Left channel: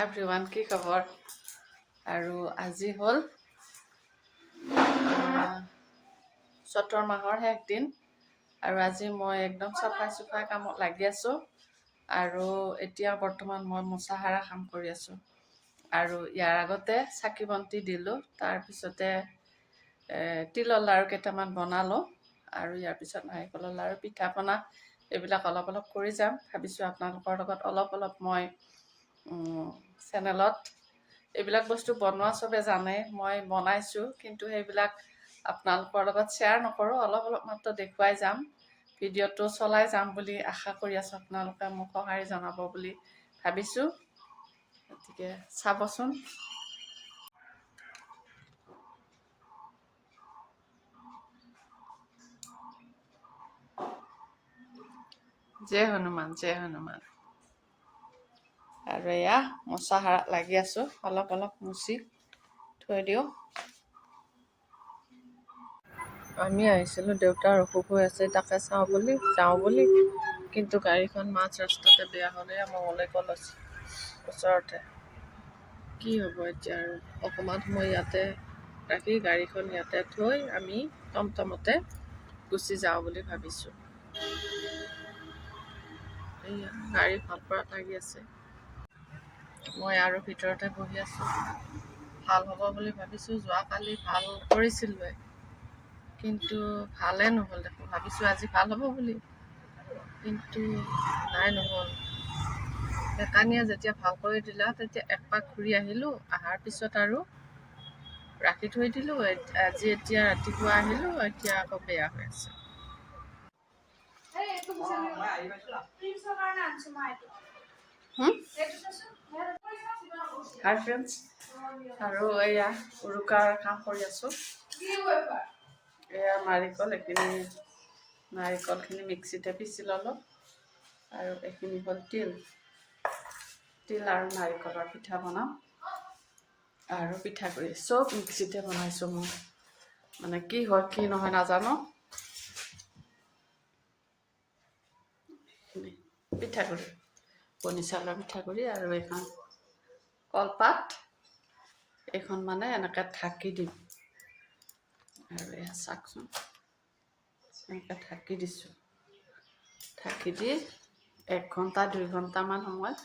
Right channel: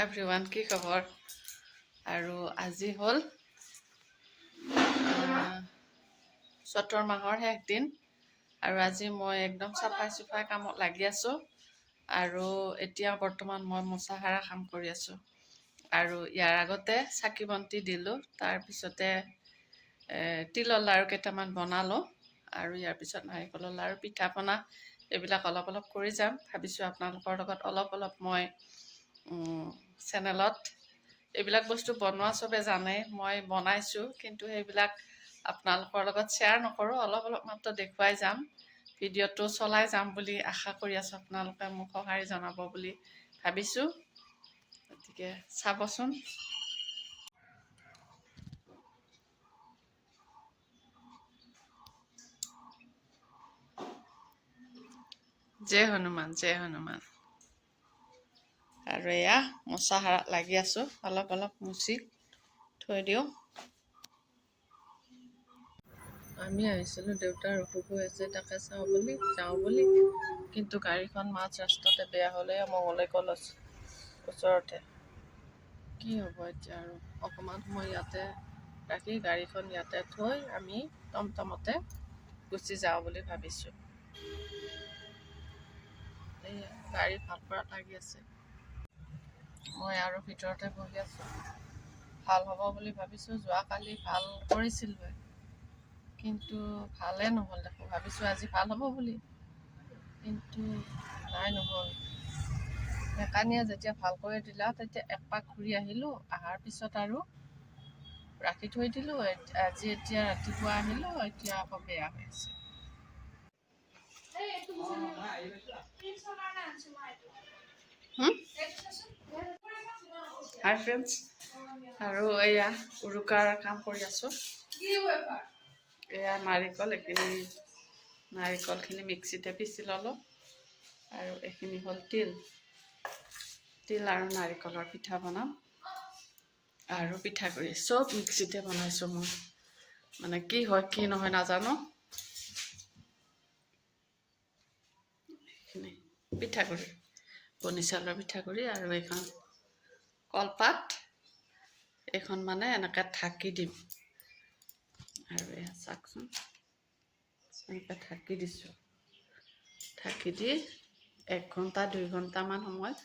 Everyone, কি খবৰ? আৰু আজি হ'ল চতৰ মাহৰ শেষ দিন আৰু আজি মই একদম চাফাই কামত লাগি আছোঁ আৰু এতিয়া বৰ্তমান মই মোচা সাৰা কাম কৰি আছোঁ আৰু ইয়াৰ আগতে চাকি বন্তি দিলোঁ। তাৰপিছতে তিলৰ লাড়ু কেইটামান বনালোঁ আৰু ইয়াৰ পিছত নাৰিকলৰ লাড়ু, পিঠা পনা এইবিলাক অলপ অলপ কৰি যাম। ভাবিছোঁ আপোনালোকৰ লগত অলপ মই চেনেলত এইবিলাক বস্তু বনোৱা চবে জানে, মই বনাইছোঁ, কিন্তু সেইবিলাক আপোনালোকৰ লগত শ্বেয়াৰ নকৰোঁ, অলপ মাত্ৰ দেখুৱাই যাম। ভিডিঅ'টো চলাই যাম বুলি আশা কৰি আছোঁ, আপোনালোকে মোক সঁহাৰি জনাব বুলি ভাবিছোঁ। গতিকে চাবচোন। জয় হনুমান, জয় হনুমান। আৰু এয়া মোচা সাৰাত লাগি আছোঁ, অলপ মুচি থৈ দিওঁ। আমি আহিছিলোঁ, দেউতাৰ অসুখ হৈ আছে, তাকে যাওঁ বুলি, কিন্তু গাড়ীখন মাজ ৰাস্তাতে বেয়া হ'লে। মঙলে কলেজ ওচৰতে কি হ'ব এতিয়া, আৰু অকণমান সময় ইয়াতে ৰাখি গাড়ীখন ইয়াতে থৈ আমি টমটমতে গুচি যাওঁ বুলি ভাবিছোঁ। এইয়া গাড়ী ভাল কৰাত লাগি আছে, মই আৰু ভিতৰতে বহি আছোঁ। ভাল হ'ব বুলি ভাবিছোঁ। যোৱাকালি ভাল কৰিছিলোঁ, কিন্তু ভালেই নহ'ল দেখোন। ভাবিছোঁ আজি ভাল হ'ব বুলি, কিন্তু নাই, নহ'ল। মেকানিকে যেতিয়া ভাল কৰি দিলা, তেতিয়া একপাক ঘূৰি আহিলোঁ। অহাৰ পিছত আৰু ৰাখি থৈ দিলোঁ। এতিয়া ৰাতিপুৱা আহিলোঁ, এতিয়া আকৌ বেয়া হৈ আছে। হাই ফ্ৰেণ্ডছ, আৰু এয়া উৰুকাৰ কাম কৰি আছোঁ। এয়া নাৰিকলখিনি মিক্সিতে পিচি ল'লোঁ, আৰু এইখিনি হ'ল তিল আৰু নাৰিকলৰ পিঠা বনাম আৰু পিঠাগুড়ি চব মিক্সিতে বনাইছোঁ। মই মানে কি হয় কি নহয় নাজানো। পিঠাগুড়ি, বনি চাউলৰ পিঠাগুড়ি, আৰু এইখন কলপাত, এইখন মানে এনেকৈ ঢাকি দিম। আৰু এয়া চাওকচোন, এনেকৈ ঢাকি দিছোঁ। ঢাকি দি 1 ঘণ্টা 2 ঘণ্টামান সময়,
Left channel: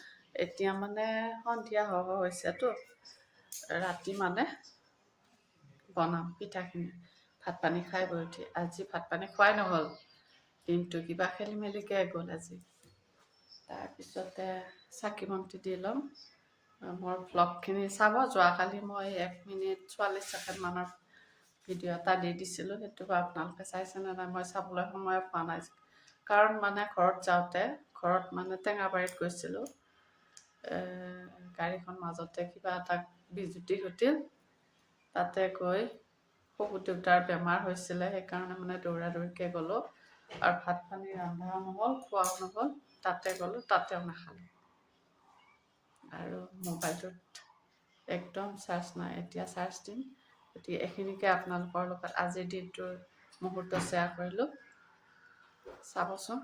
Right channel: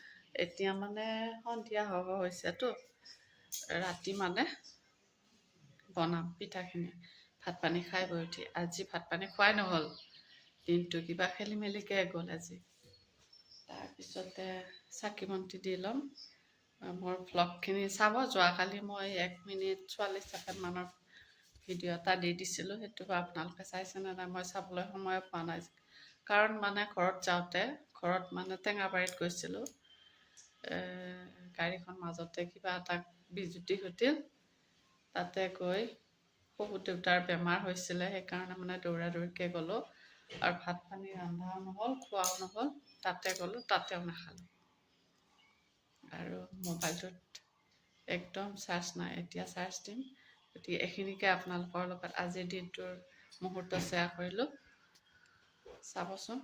এতিয়া মানে সন্ধিয়া হৈছেতো, ৰাতি মানে বনাম পিঠাখিনি। ভাত পানী খাই বৈ উঠি, আজি ভাত পানী খোৱাই নহ'ল, দিনটো কিবা খেলি মেলিকৈ গ'ল আজি। তাৰপিছতে চাকি বন্তি দি ল'ম। মোৰ ভ্লগখিনি চাব। যোৱাকালি মই 1 মিনিট 44 ছেকেণ্ডমানৰ ভিডিঅ' এটা দি দিছিলোঁ, সেইটো আপোনালোকে চাইছেনে নাই মই চাবলৈ সময় পোৱা নাই। কাৰণ মানে ঘৰত যাওঁতে, ঘৰত মানে টেঙাবাৰীত গৈছিলোঁ, গাড়ীখন মাজতে কিবা এটা বিজুতি ঘটিল। তাতে গৈ শহুৰ দেউতাৰ বেমাৰ হৈছিলে, সেইকাৰণে মানে দৌৰাদৌৰিকৈ গ'লোঁ, আৰু ভাত পানী ৰন্ধাও নহ'ল, খোৱাও নহ'ল। তাতে গ'লোঁ, তাতেও নাখালোঁ, আৰু মোবাইলটোত একদম চাৰ্জ নাই। এতিয়া চাৰ্জ দিম। গতিকে এইখিনিকে আপোনালোকৰ লগত আজিৰ দিনটোৰ মুহূৰ্ত শ্বেয়াৰ কৰিলোঁ। চাবচোন।